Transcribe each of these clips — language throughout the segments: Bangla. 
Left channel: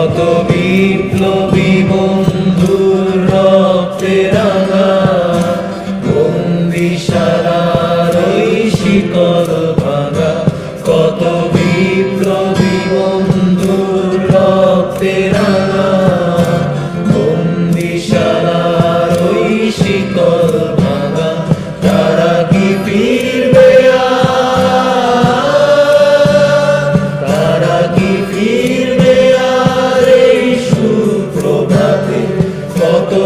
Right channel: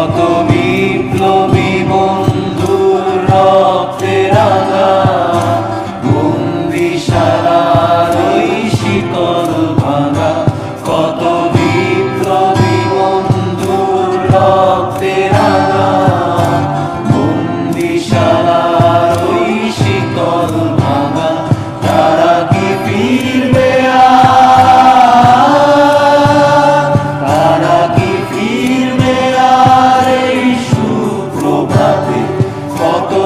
কত বিপ্লবী বন্ধুর রক্তে রাঙা। বন্দিশালার ওই শিকল ভাঙা। কত বিপ্লবী বন্ধুর রক্তে রাঙা। বন্দিশালার ওই শিকল ভাঙা। তারা কি ফিরবে? তারা কি ফিরবে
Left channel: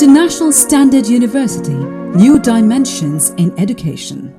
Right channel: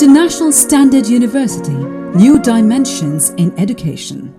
International Standard University, New Dimensions in Education.